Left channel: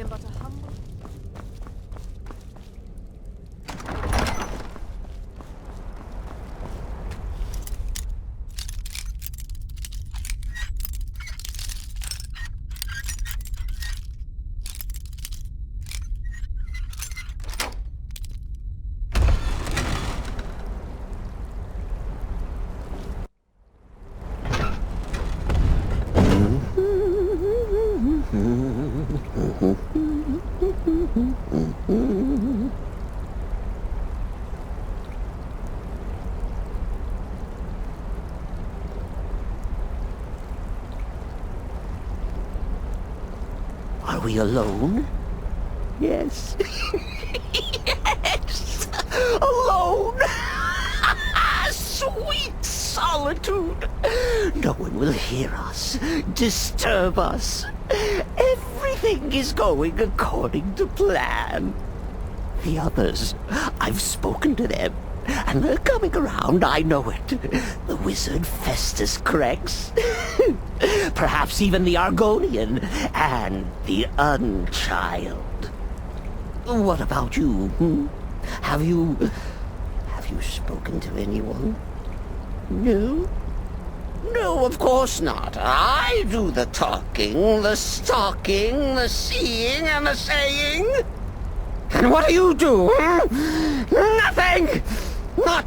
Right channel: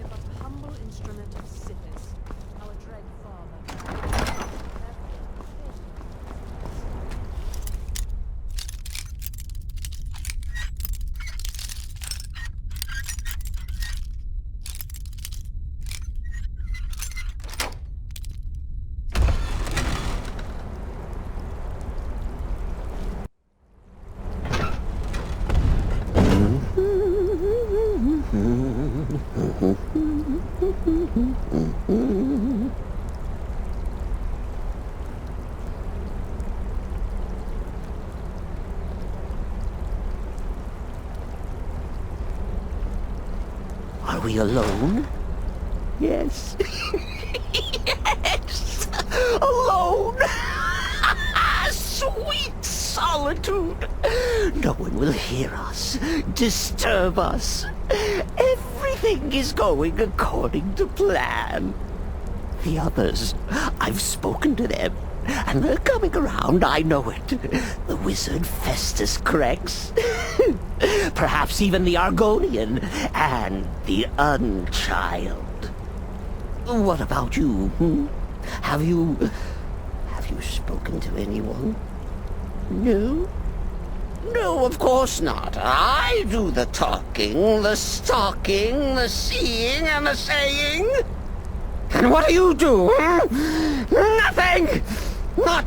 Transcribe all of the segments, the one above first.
am but a humble instrument of Sithis, our dread father. Are we alone? Yes. Yes! Alone! Sweet solitude! No one will hear us, disturb us. Everything is going according to plan. The others, I've spoken to them, and they're coming around, I know it. The wizard Festus Crex. Perhaps even the Argonian, and the Unchild. What about you, Have you spoken to anyone? No? No, of course not. I do the talking, the stalking, the seeing, and the saying. And what do you do, Nothing! Not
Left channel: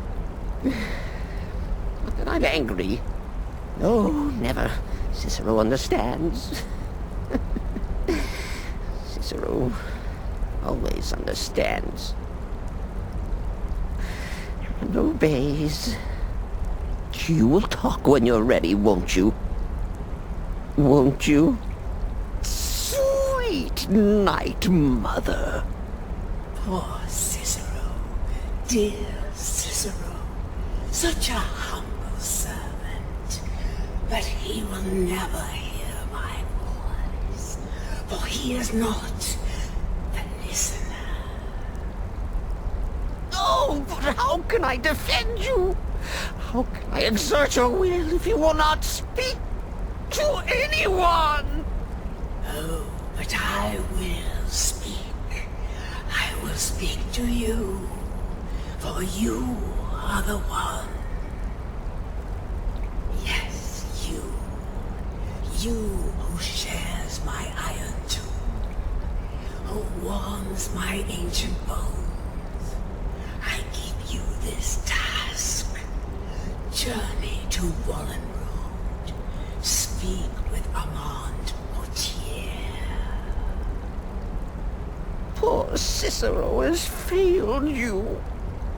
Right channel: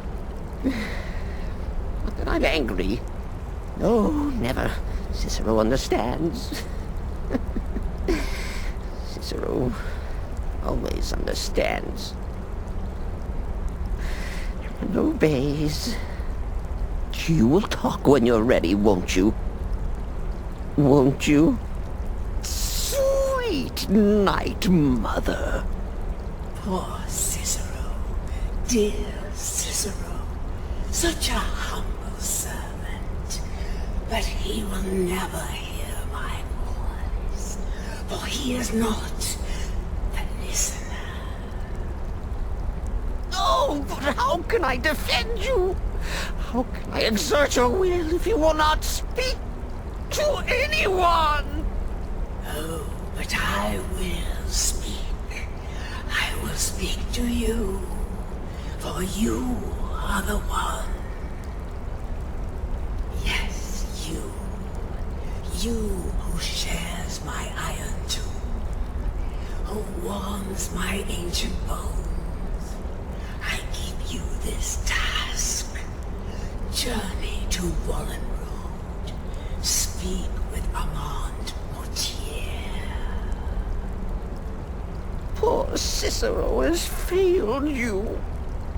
that I'm angry. No, never. Cicero understands. Cicero always understands. And obeys. You will talk when you're ready, won't you? Won't you? Sweet night, mother. Poor Cicero, dear Cicero, such a humble servant, but he will never hear my voice, for he is not the listener. Oh, but how can I defend you? How can I exert your will if you will not speak to anyone? Oh, but I will speak. I will speak to you, for you are the one. Yes, you. You who shares my iron tomb, who warms my ancient bones. I give you this task. Journey to Wallen Road. Speak with Armand Mortier. Poor Cicero has failed you.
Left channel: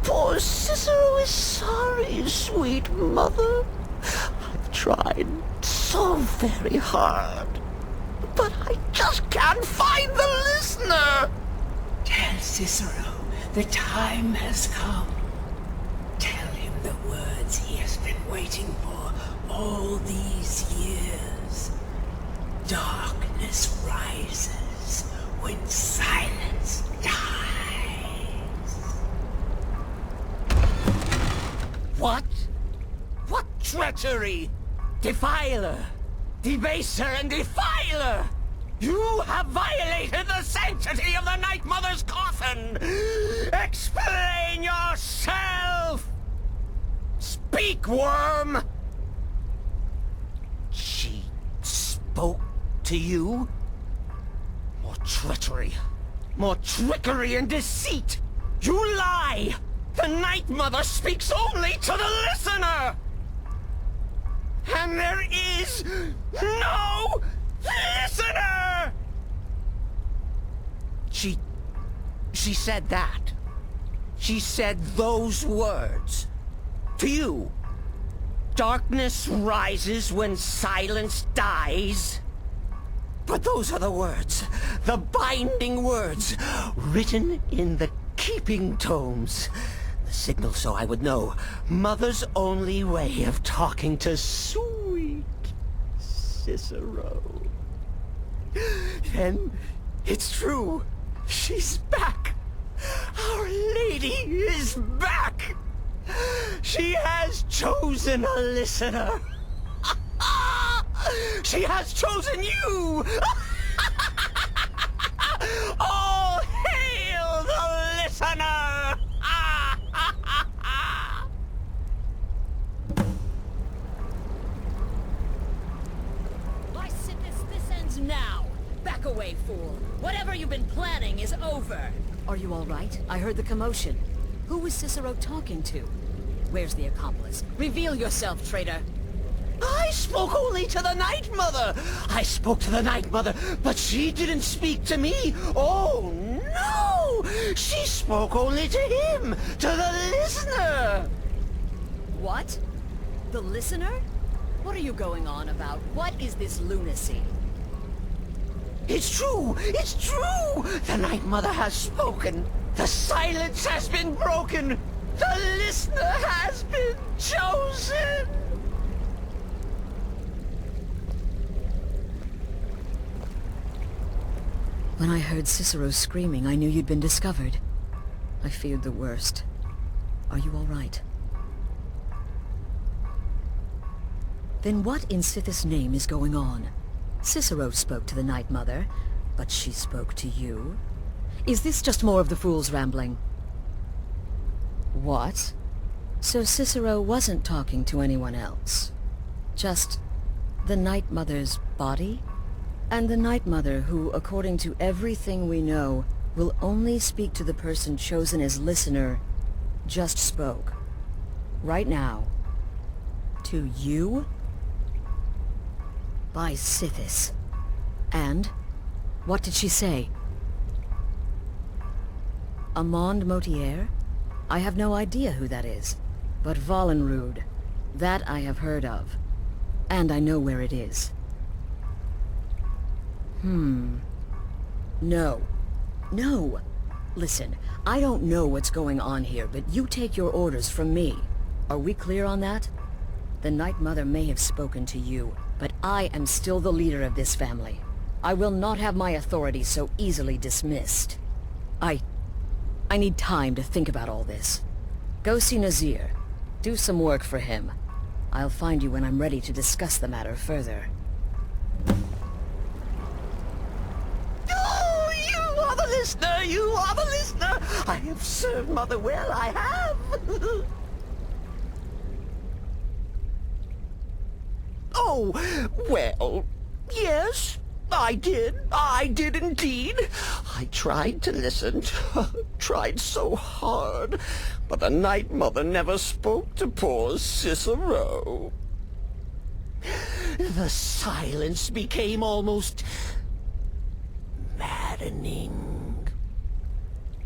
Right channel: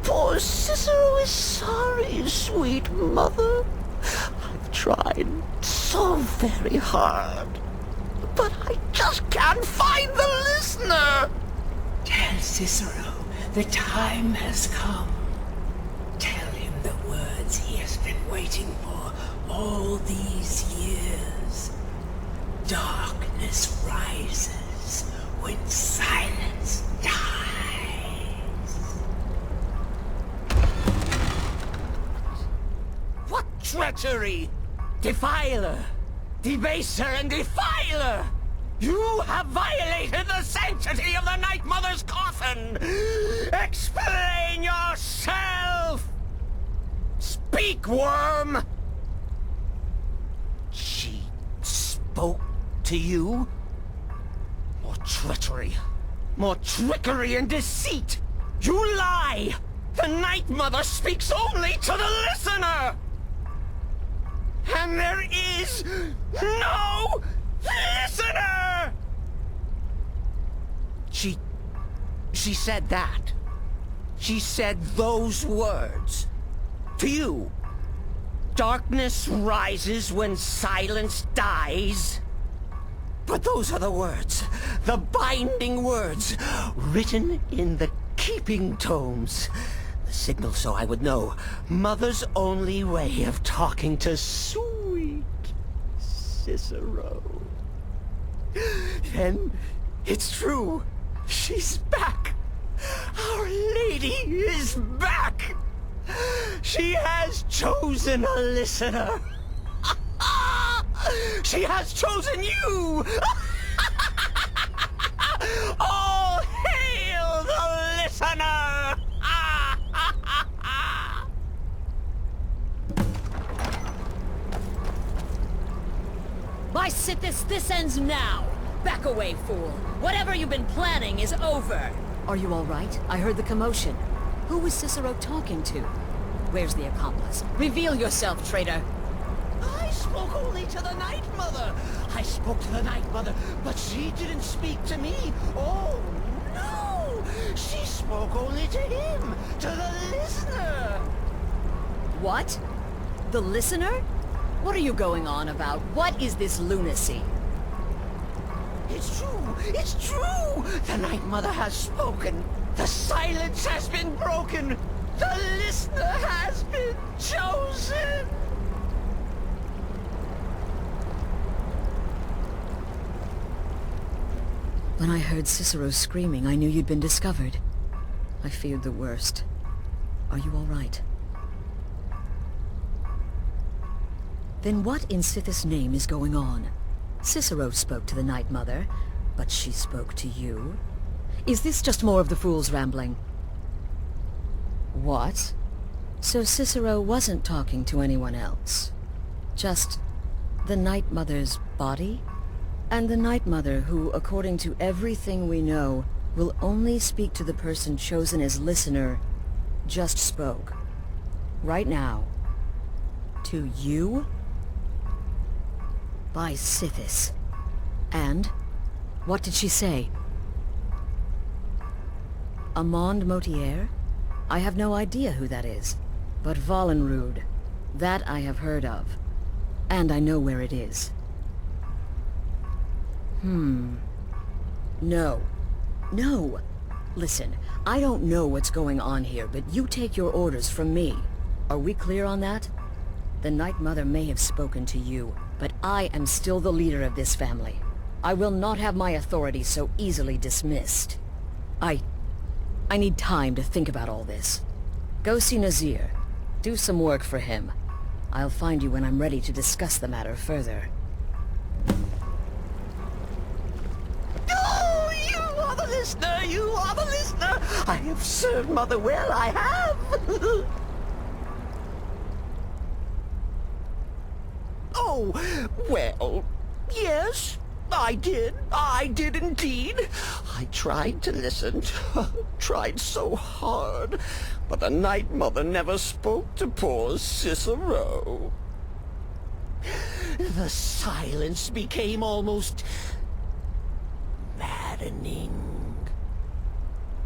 Poor Cicero is sorry, sweet mother. I've tried so very hard, but I just can't find the listener. Tell Cicero the time has come. Tell him the words he has been waiting for all these years. Darkness rises when silence dies. What? What treachery? Defiler! Debaser and defiler! You have violated the sanctity of the Night Mother's coffin! Explain yourself! Speak, worm! She spoke to you? More treachery, more trickery and deceit! You lie! The Night Mother speaks only to the listener! And there is no listener! She said that. She said those words. To you. Darkness rises when silence dies. But those are the words, the binding words, written in the keeping tomes. The signal so I would know. Mother's only way of talking to sweet Cicero. Then it's true. She's back. Our lady is back. She has chosen a listener. She has chosen you. Sithis, this ends now! Back away, fool! Whatever you've been planning is over! Are you all right? I heard the commotion. Who was Cicero talking to? Where's the accomplice? Reveal yourself, traitor! I spoke only to the Night Mother! I spoke to the Night Mother, but she didn't speak to me! Oh, no! She spoke only to him! To the listener! What? The listener? What are you going on about? What is this lunacy? It's true! It's true! The Night Mother has spoken! The silence has been broken! The listener has been chosen! When I heard Cicero screaming, I knew you'd been discovered. I feared the worst. Are you all right? Then what in Sithis' name is going on? Cicero spoke to the Night Mother, but she spoke to you? Is this just more of the fool's rambling? What? So Cicero wasn't talking to anyone else? Just the Night Mother's body? And the Night Mother, who, according to everything we know, will only speak to the person chosen as listener, just spoke. Right now. To you? By Sithis. And? What did she say? Amand Motier? I have no idea who that is. But Valenrud, that I have heard of. And I know where it is. No. No! Listen, I don't know what's going on here, but you take your orders from me. Are we clear on that? The Night Mother may have spoken to you, but I am still the leader of this family. I will not have my authority so easily dismissed. I need time to think about all this. Go see Nazir. Do some work for him. I'll find you when I'm ready to discuss the matter further. Listener, you are the listener! I have served Mother well, I have! Oh, well, yes, I did indeed. I tried to listen, tried so hard, but the Night Mother never spoke to poor Cicero. The silence became almost maddening.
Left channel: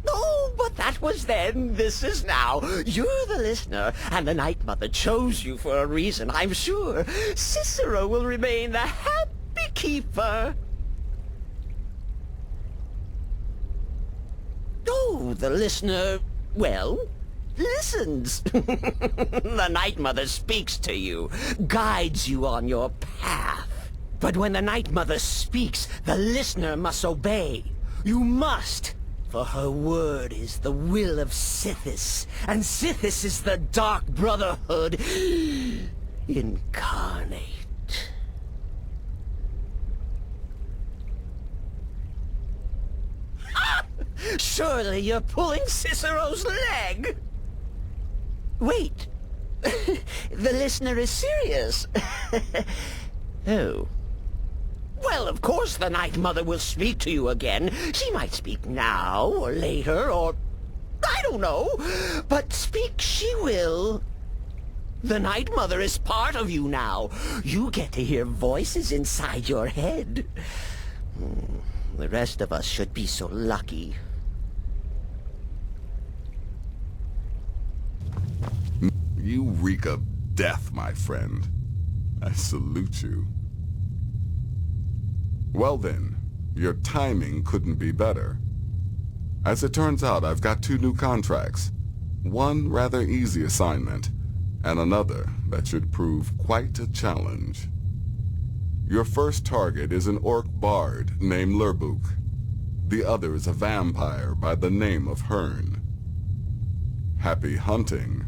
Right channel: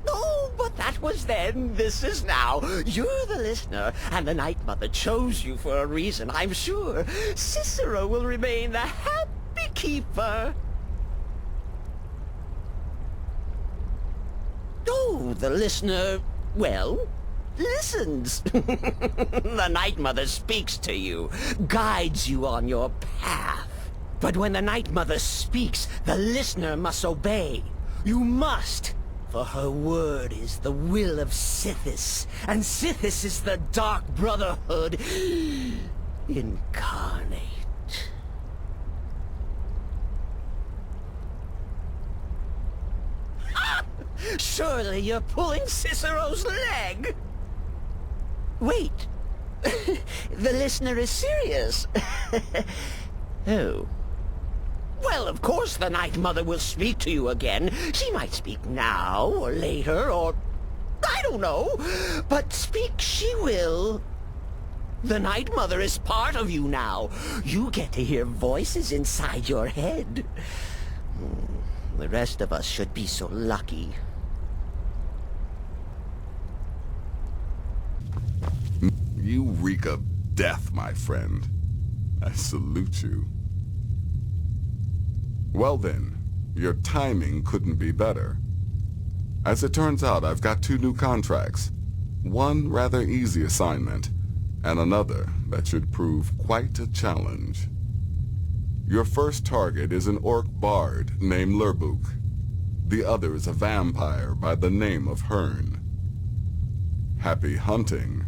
Oh, but that was then, this is now. You're the listener, and the Night Mother chose you for a reason, I'm sure. Cicero will remain the happy keeper. Oh, the listener, well, listens. The Night Mother speaks to you, guides you on your path. But when the Night Mother speaks, the listener must obey. You must. For her word is the will of Sithis, and Sithis is the Dark Brotherhood incarnate. Surely you're pulling Cicero's leg! Wait! The listener is serious. Oh. Well, of course the Night Mother will speak to you again. She might speak now, or later, or... I don't know. But speak she will. The Night Mother is part of you now. You get to hear voices inside your head. The rest of us should be so lucky. You reek of death, my friend. I salute you. Well then, your timing couldn't be better. As it turns out, I've got 2 new contracts. One rather easy assignment, and another that should prove quite a challenge. Your first target is an orc bard named Lurbuk. The other is a vampire by the name of Hearn. Happy hunting.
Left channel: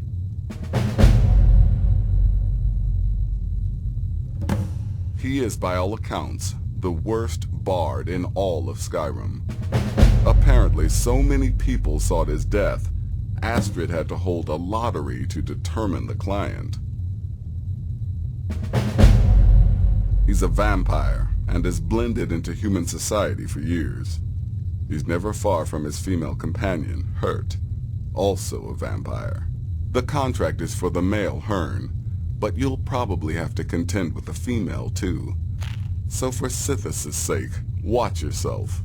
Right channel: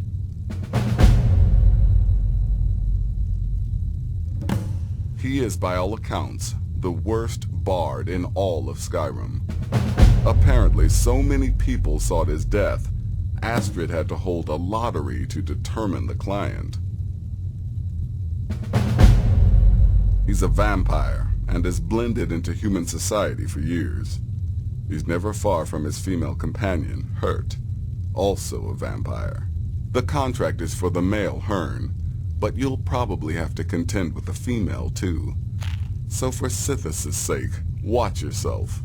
He is, by all accounts, the worst bard in all of Skyrim. Apparently, so many people sought his death, Astrid had to hold a lottery to determine the client. He's a vampire, and has blended into human society for years. He's never far from his female companion, Hurt, also a vampire. The contract is for the male Hearn, but you'll probably have to contend with the female too. So for Sithis' sake, watch yourself.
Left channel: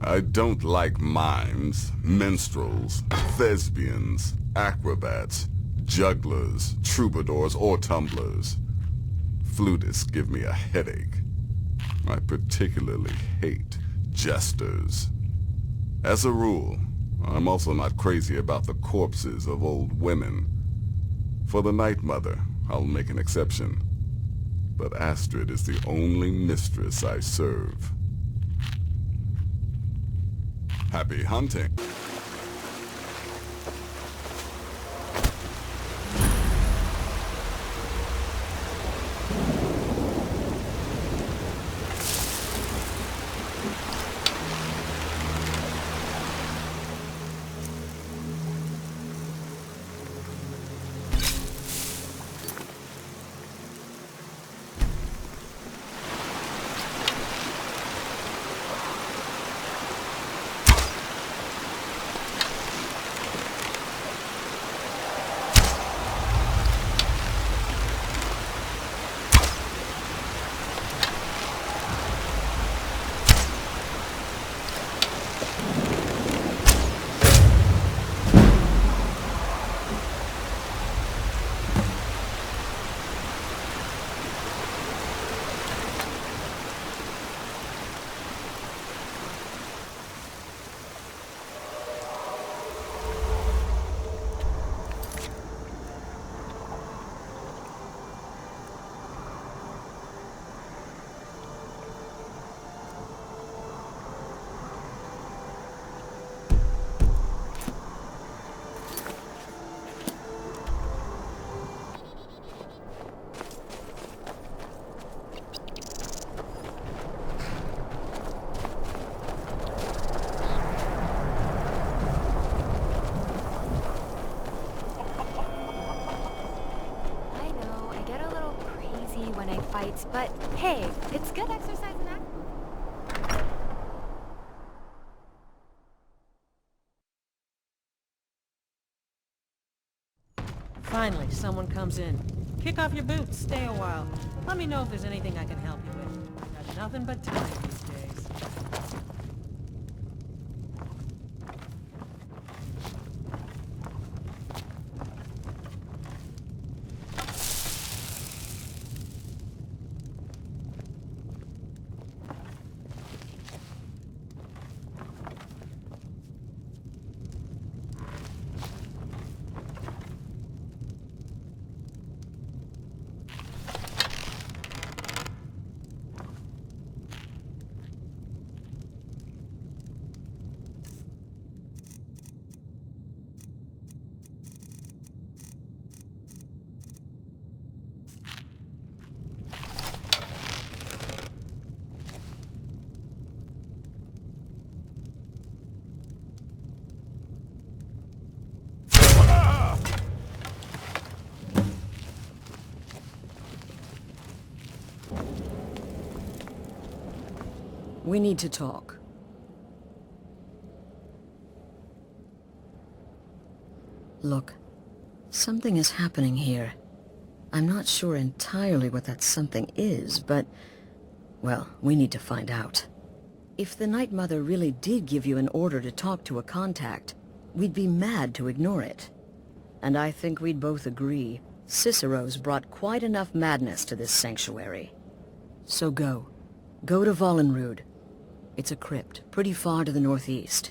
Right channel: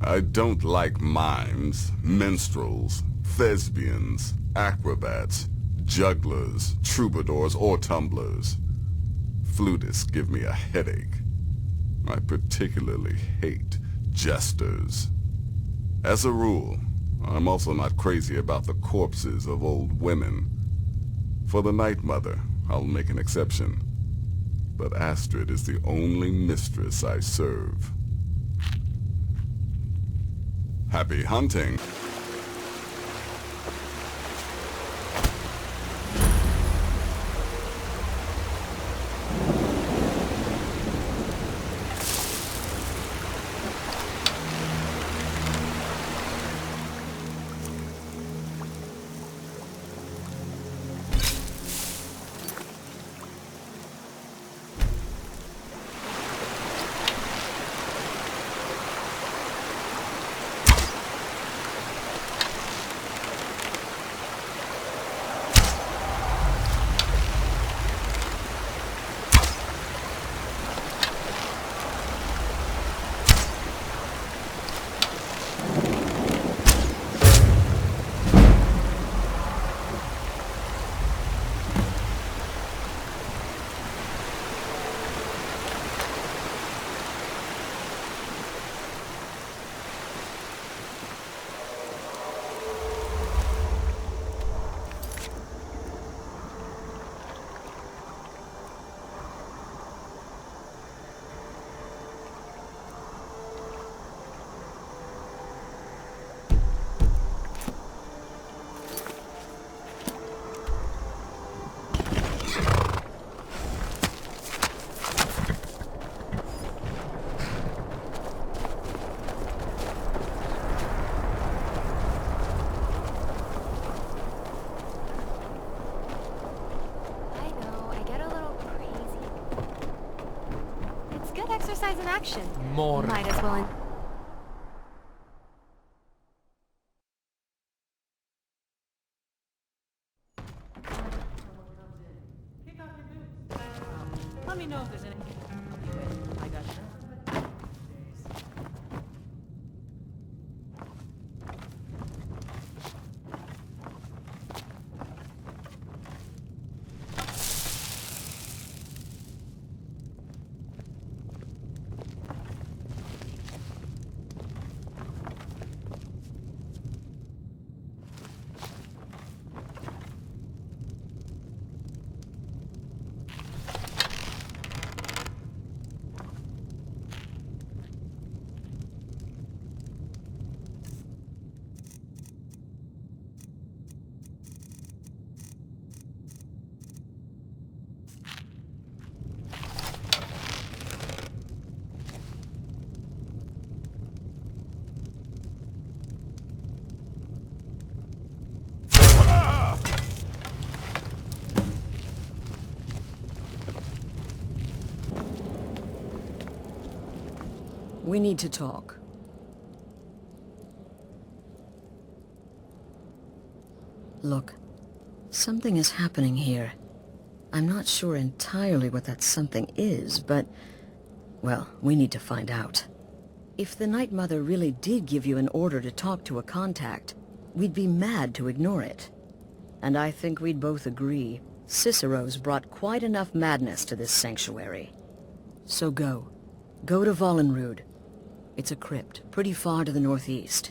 I don't like mimes, minstrels, thespians, acrobats, jugglers, troubadours, or tumblers. Flutists give me a headache. I particularly hate jesters. As a rule, I'm also not crazy about the corpses of old women. For the Night Mother, I'll make an exception. But Astrid is the only mistress I serve. Happy hunting! But hey, it's good exercise in action. More. Might as well. Finally, someone comes in. Kick off your boots, stay a while. Let me know if there's anything I can help you with. I got nothing but time these days. We need to talk. Look, something is happening here. I'm not sure entirely what that something is, but... well, we need to find out. If the Night Mother really did give you an order to talk to a contact, we'd be mad to ignore it. And I think we'd both agree, Cicero's brought quite enough madness to this sanctuary. So go. Go to Vollenrude. It's a crypt, pretty far to the northeast.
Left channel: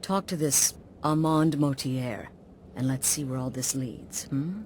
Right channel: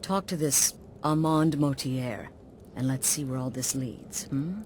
Talk to this Armand Motier, and let's see where all this leads, hmm?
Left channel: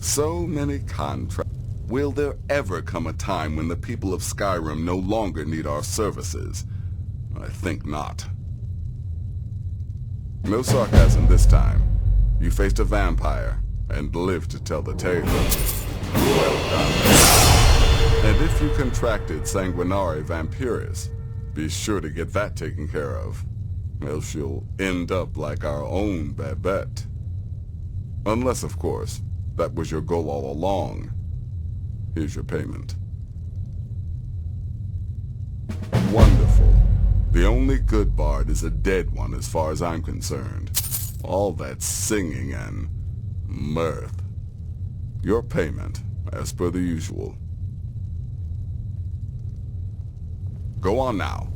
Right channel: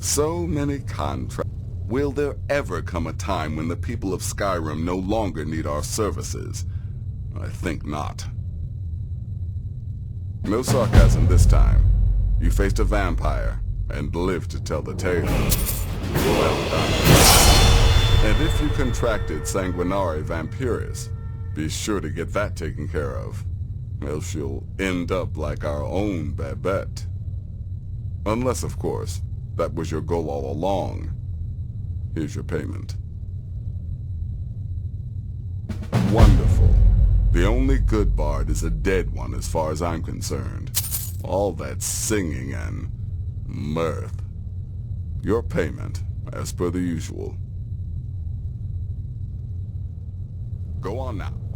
So many contracts. Will there ever come a time when the people of Skyrim no longer need our services? I think not. No sarcasm this time. You faced a vampire and lived to tell the tale. Well done. And if you contracted Sanguinare Vampiris, be sure to get that taken care of, else you'll end up like our own Babette. Unless, of course, that was your goal all along. Here's your payment. Wonderful. The only good bard is a dead one as far as I'm concerned. All that singing and mirth. Your payment, as per the usual. Go on now.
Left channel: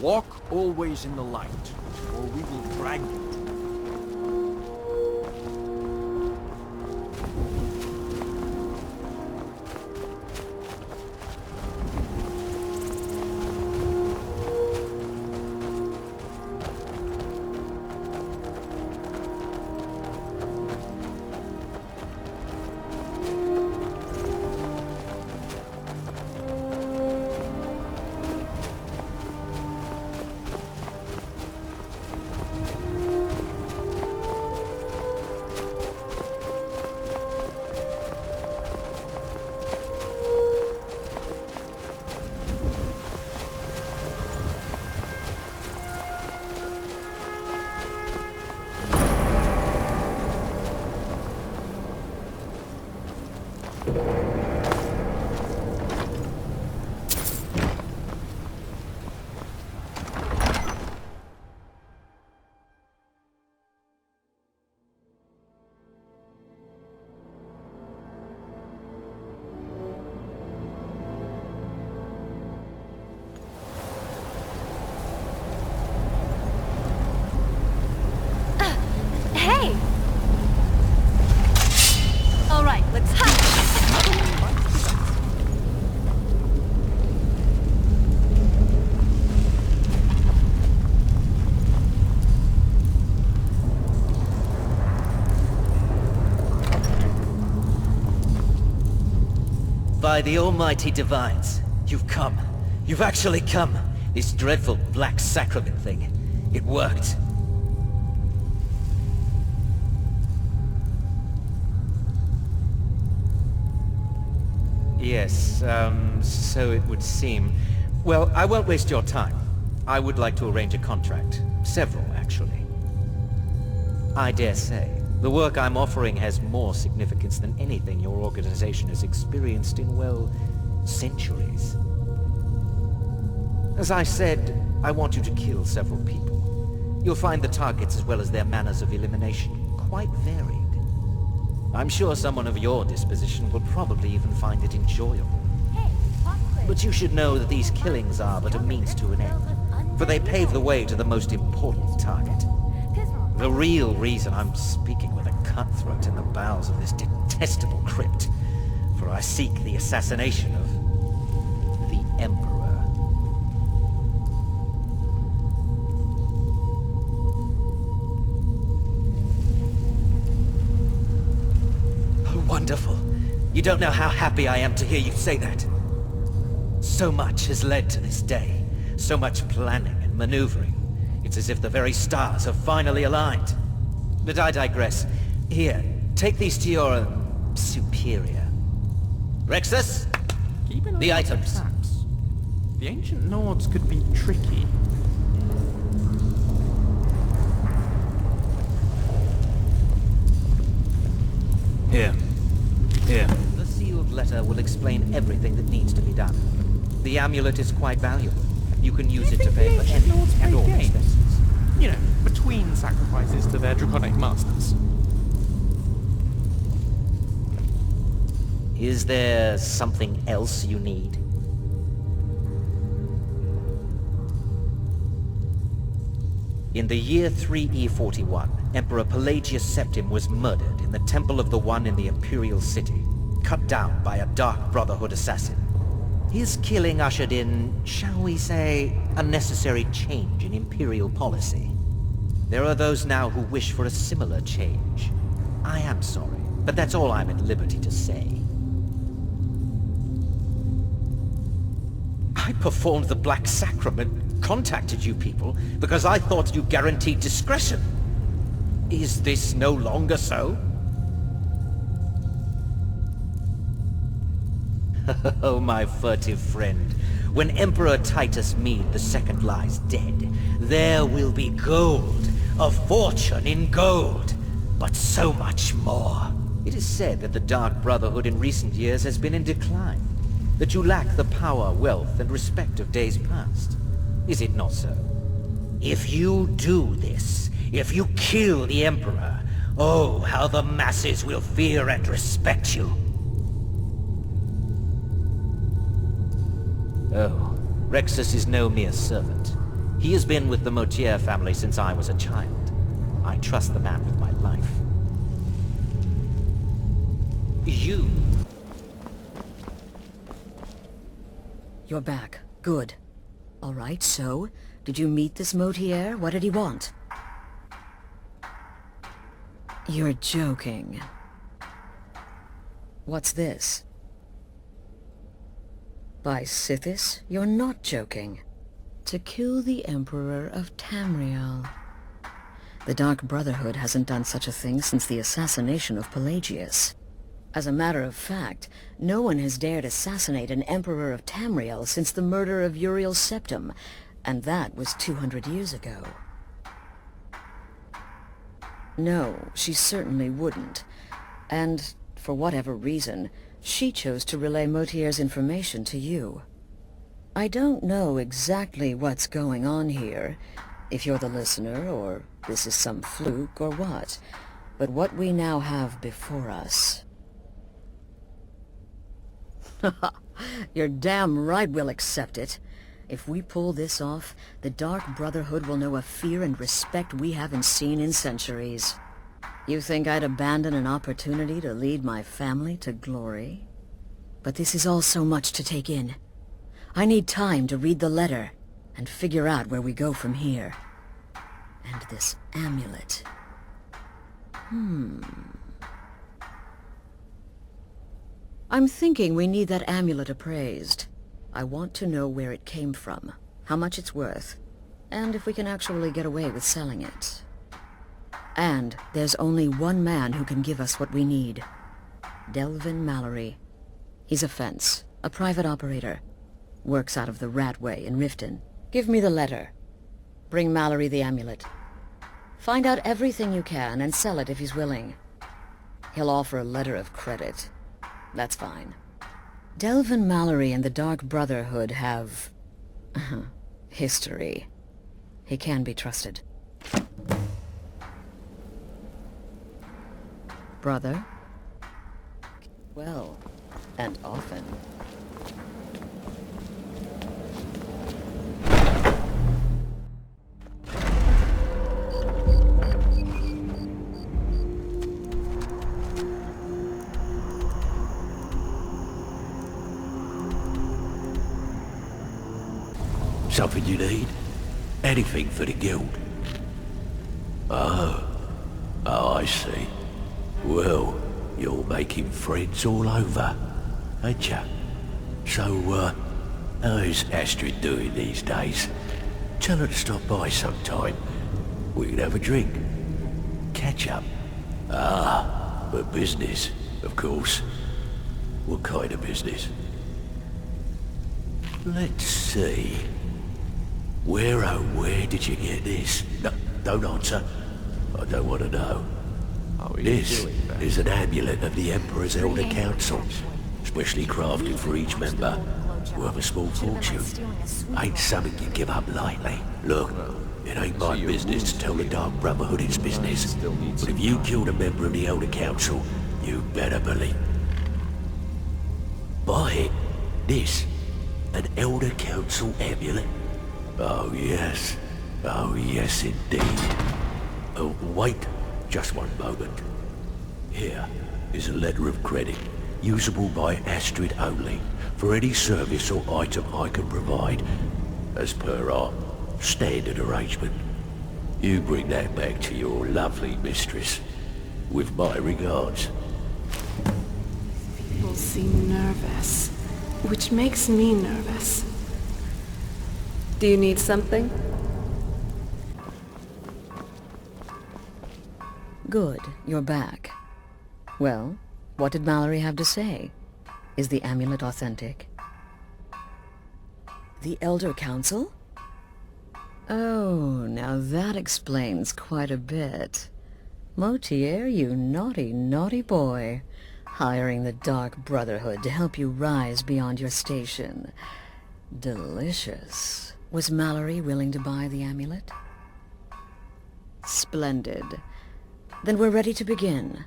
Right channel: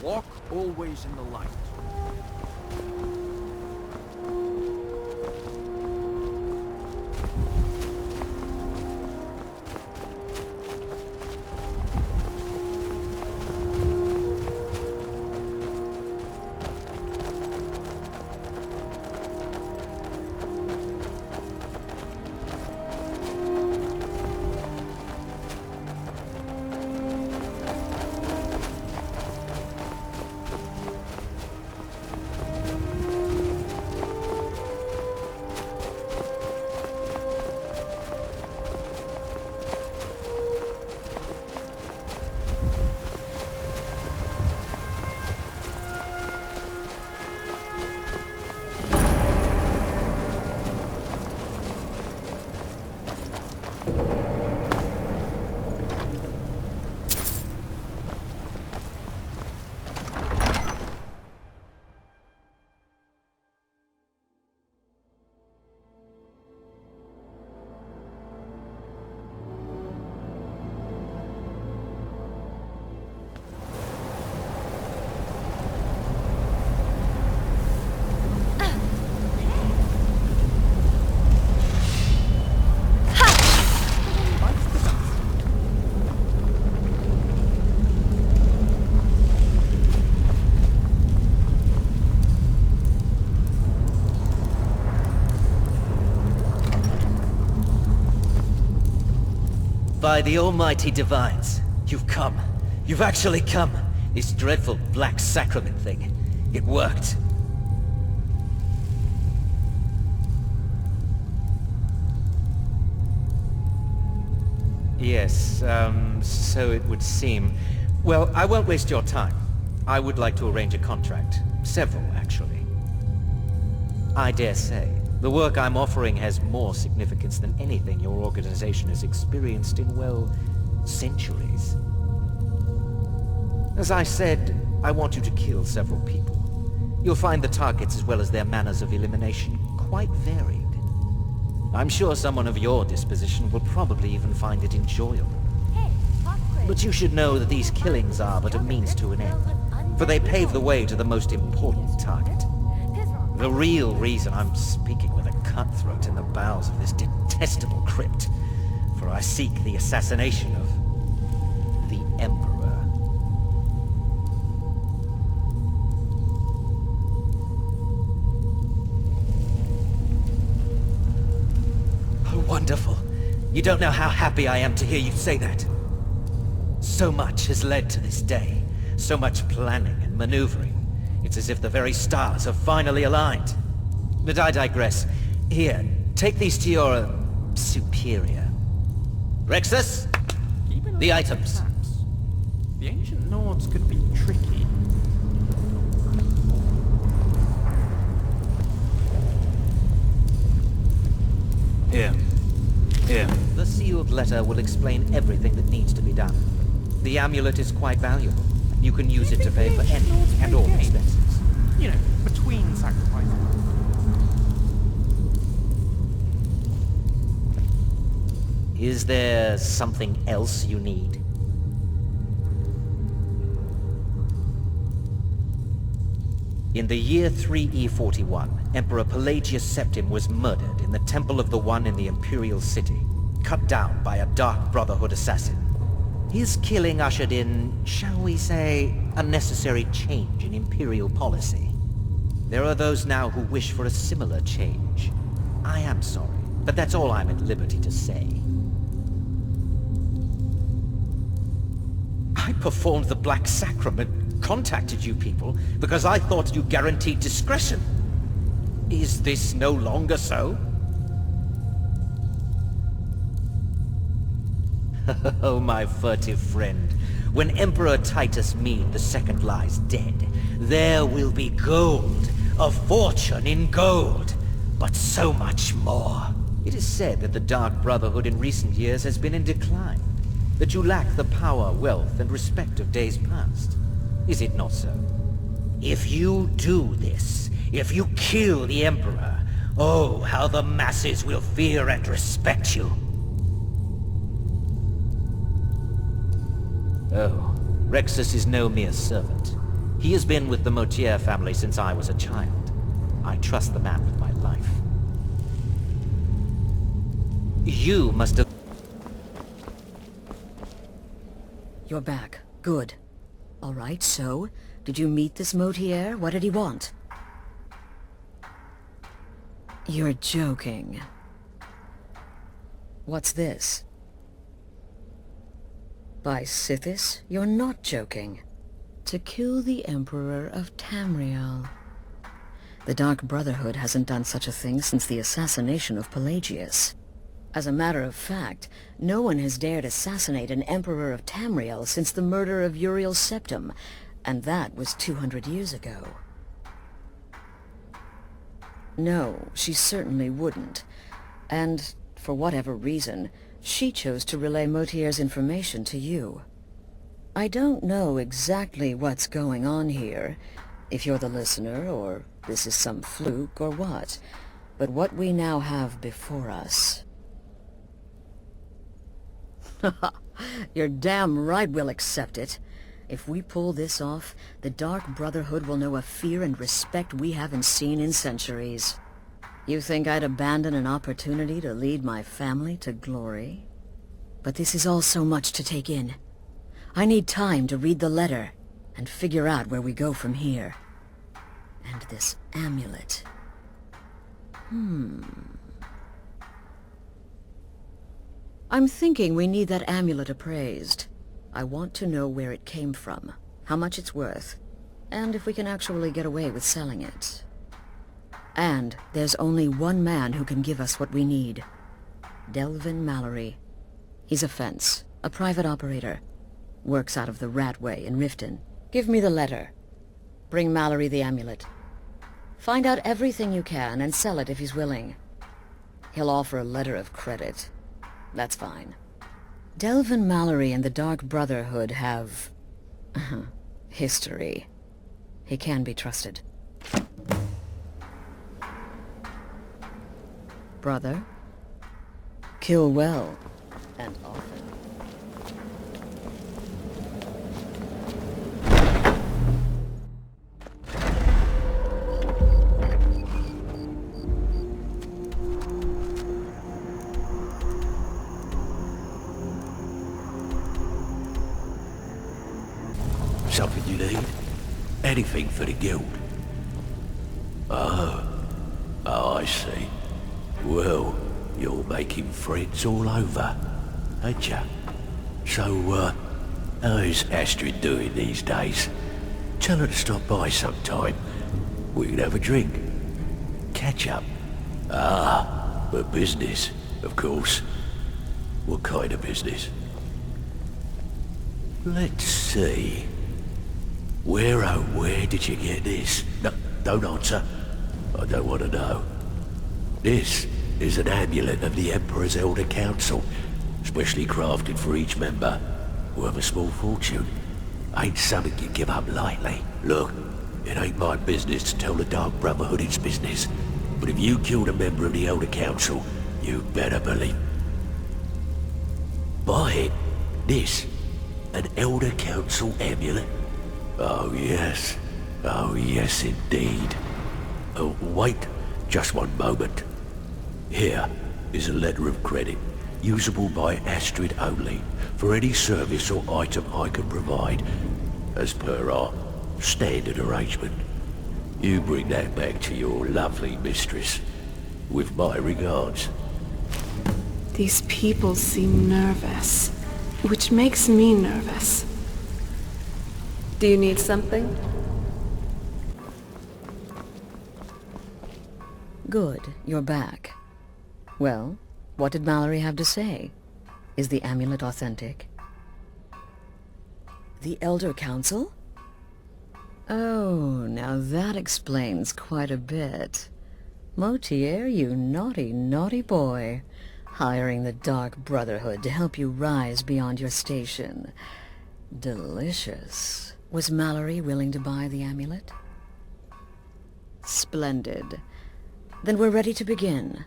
Walk always in the light, or we will drag you. Hey! Alright, let's By the almighty divines, you've come. You've actually come. This dreadful black sacrament thing. It worked. Yes, so it would seem. Well, I won't waste your time. I would like to arrange a contract. Several, actually. I dare say, the work I'm offering has more significance than anything your organization has experienced in, well, centuries. As I said, I want you to kill several people. You'll find the targets as well as their manners of elimination quite varied. I'm sure someone of your disposition will probably even find it enjoyable. Hey, pop quiz. But you should know that these killings are but a means to an end, for they pave the way to the most important target. The real reason I'm speaking with a cutthroat in the bowels of this detestable crypt, for I seek the assassination of the Emperor. Oh, wonderful. You don't know how happy I am to hear you say that. So much has led to this day. So much planning and maneuvering. It's as if the very stars have finally aligned. But I digress. Here, take these to your superior. Rexus, Keep an eye the out for items. traps. The ancient Nords could be tricky. Here. The sealed letter will explain everything that needs to be done. The amulet is quite valuable. You can use it to pay for any and all expenses. You know, between sacrifices to their draconic masters. Is there something else you need? In the year 3E41, Emperor Pelagius Septim was murdered in the Temple of the One in the Imperial City, cut down by a Dark Brotherhood assassin. His killing ushered in, shall we say, a necessary change in Imperial policy. There are those now who wish for a similar change. I am sorry, but that's all I'm at liberty to say. I performed the Black Sacrament, contacted you people, because I thought you guaranteed discretion. Is this no longer so? Oh, my furtive friend, when Emperor Titus Mede II lies dead, there will be gold, a fortune in gold, but so much more. It is said that the Dark Brotherhood in recent years has been in decline, that you lack the power, wealth, and respect of days past. Is it not so? If you do this, if you kill the Emperor, oh, how the masses will fear and respect you. Oh, Rexus is no mere servant. He has been with the Motier family since I was a child. I trust the man with my life. You must have... You're back. Good. All right, so, did you meet this Motier? What did he want? You're joking. What's this? By Sithis, you're not joking. To kill the Emperor of Tamriel. The Dark Brotherhood hasn't done such a thing since the assassination of Pelagius. As a matter of fact, no one has dared assassinate an Emperor of Tamriel since the murder of Uriel Septim, and that was 200 years ago. No, she certainly wouldn't. And, for whatever reason, she chose to relay Motier's information to you. I don't know exactly what's going on here, if you're the listener, or this is some fluke, or what. But what we now have before us... You're damn right we'll accept it. If we pull this off, the Dark Brotherhood will know a fear and respect we haven't seen in centuries. You think I'd abandon an opportunity to lead my family to glory? But this is all so much to take in. I need time to read the letter and figure out where we go from here. And this amulet. I'm thinking we need that amulet appraised. I want to know where it came from, how much it's worth, and if we can actually get away with selling it. And there's only one man who can give us what we need. Delvin Mallory. He's a fence, a private operator. Works out of the Ratway in Riften. Give me the letter. Bring Mallory the amulet. Find out everything you can and sell it if he's willing. He'll offer a letter of credit. That's fine. Delvin Mallory and the Dark Brotherhood have... history. He can be trusted. Brother? Kill well, and often. Something you need? Anything for the guild? Oh, I see. Well, you're making friends all over, ain't ya? So, how's Astrid doing these days? Tell her to stop by sometime. We can have a drink. Catch up. Ah, but business, of course. What kind of business? Let's see. Where did you get this? No, don't answer. I don't want to know. This is an amulet of the Emperor's Elder Council, specially crafted for each member, worth a small fortune. Ain't something you give up lightly. Look, it ain't my business to tell the Dark Brotherhood its business, but if you killed a member of the Elder Council, you better believe... Buy it. This, an Elder Council amulet? Oh yes. Oh yes indeed. Oh, wait just one moment. Here is a letter of credit, usable by Astrid only, for any service or item I can provide, as per our standard arrangement. You bring that back to your lovely mistress, with my regards. These people seem nervous, which makes me nervous. Do you need something? Good, you're back. Well, what did Mallory have to say? Is the amulet authentic? The Elder Council? Oh, now that explains quite a bit. Motier, you naughty, naughty boy. Hiring the Dark Brotherhood to help you rise beyond your station. Delicious. Was Mallory willing to buy the amulet? Splendid. Then we're ready to begin.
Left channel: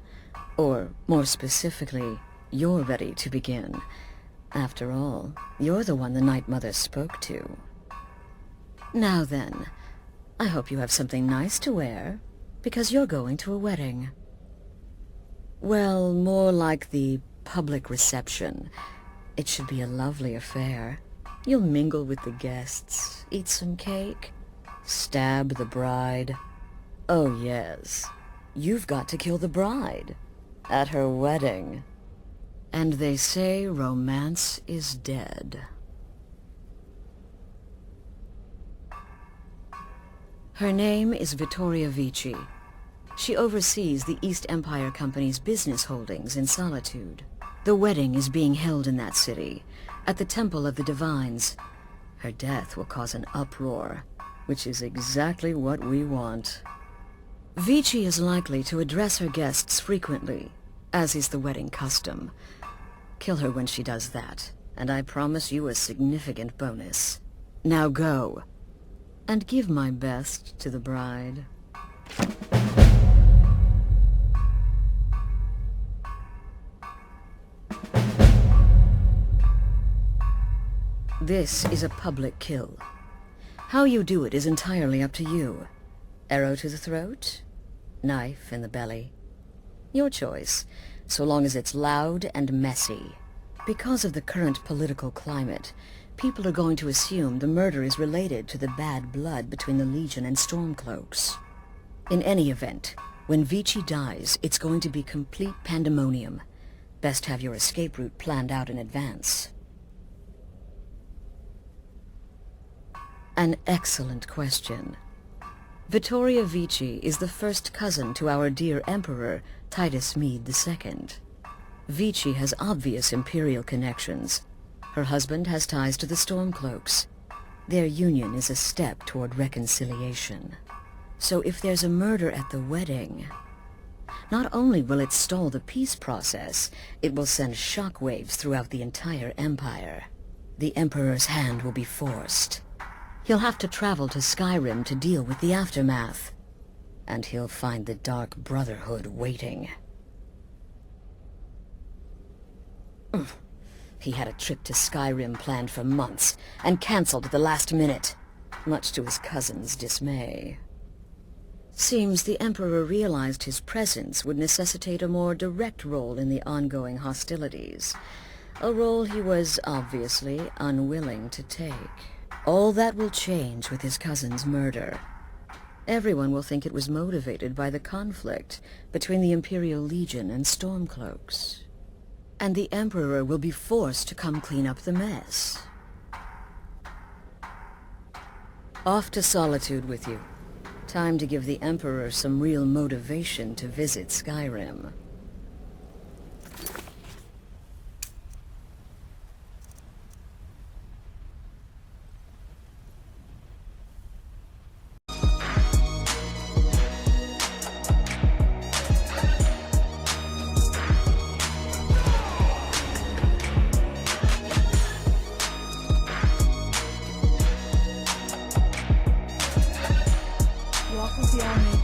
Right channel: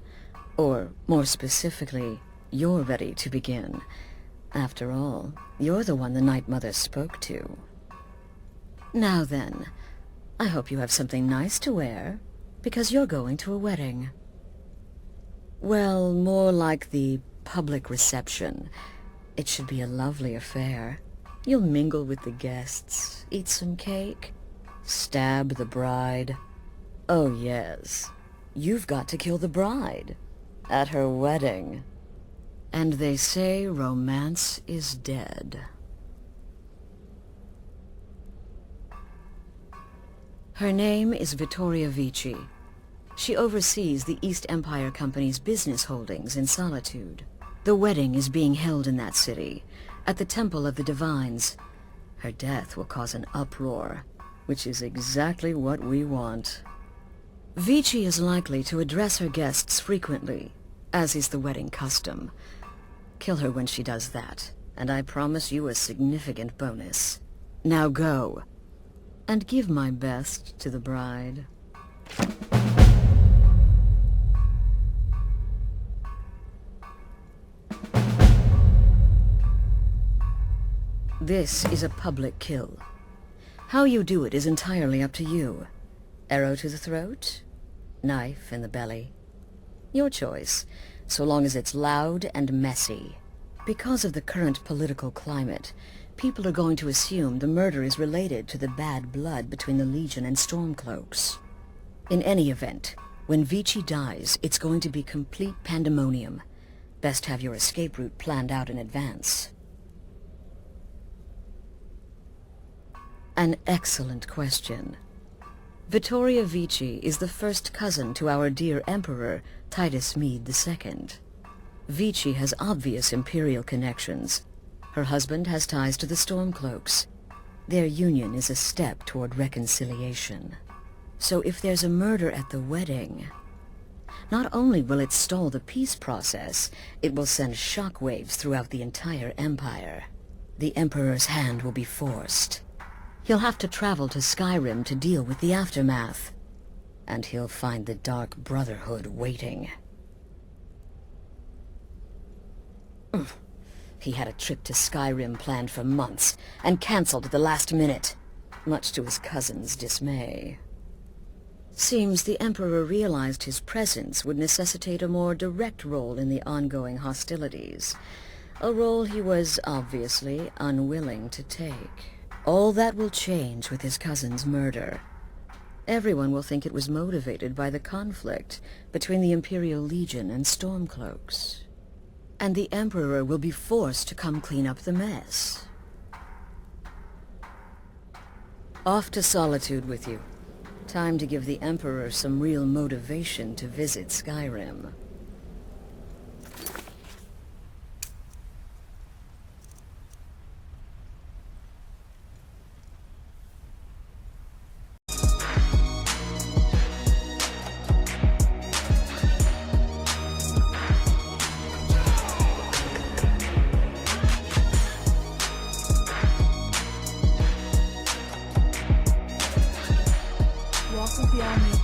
Or, more specifically, you're ready to begin. After all, you're the one the Night Mother spoke to. Now then, I hope you have something nice to wear, because you're going to a wedding. Well, more like the public reception. It should be a lovely affair. You'll mingle with the guests, eat some cake, stab the bride. Oh yes, you've got to kill the bride at her wedding. And they say romance is dead. Her name is Vittoria Vici. She oversees the East Empire Company's business holdings in Solitude. The wedding is being held in that city, at the Temple of the Divines. Her death will cause an uproar, which is exactly what we want. Vici is likely to address her guests frequently, as is the wedding custom. Kill her when she does that, and I promise you a significant bonus. Now go, and give my best to the bride. This is a public kill. How you do it is entirely up to you. Arrow to the throat? Knife in the belly? Your choice, so long as it's loud and messy. Because of the current political climate, people are going to assume the murder is related to the bad blood between the Legion and Stormcloaks. In any event, when Vici dies, it's going to be complete pandemonium. Best have your escape route planned out in advance. An excellent question. Vittoria Vici is the first cousin to our dear Emperor, Titus Mede II. Vici has obvious imperial connections. Her husband has ties to the Stormcloaks. Their union is a step toward reconciliation. So if there's a murder at the wedding, not only will it stall the peace process, it will send shockwaves throughout the entire Empire. The Emperor's hand will be forced. He'll have to travel to Skyrim to deal with the aftermath. And he'll find the Dark Brotherhood waiting. He had a trip to Skyrim planned for months, and cancelled at the last minute, much to his cousin's dismay. Seems the Emperor realized his presence would necessitate a more direct role in the ongoing hostilities, a role he was obviously unwilling to take. All that will change with his cousin's murder. Everyone will think it was motivated by the conflict between the Imperial Legion and Stormcloaks. And the Emperor will be forced to come clean up the mess. Off to Solitude with you. Time to give the Emperor some real motivation to visit Skyrim. Walk with the army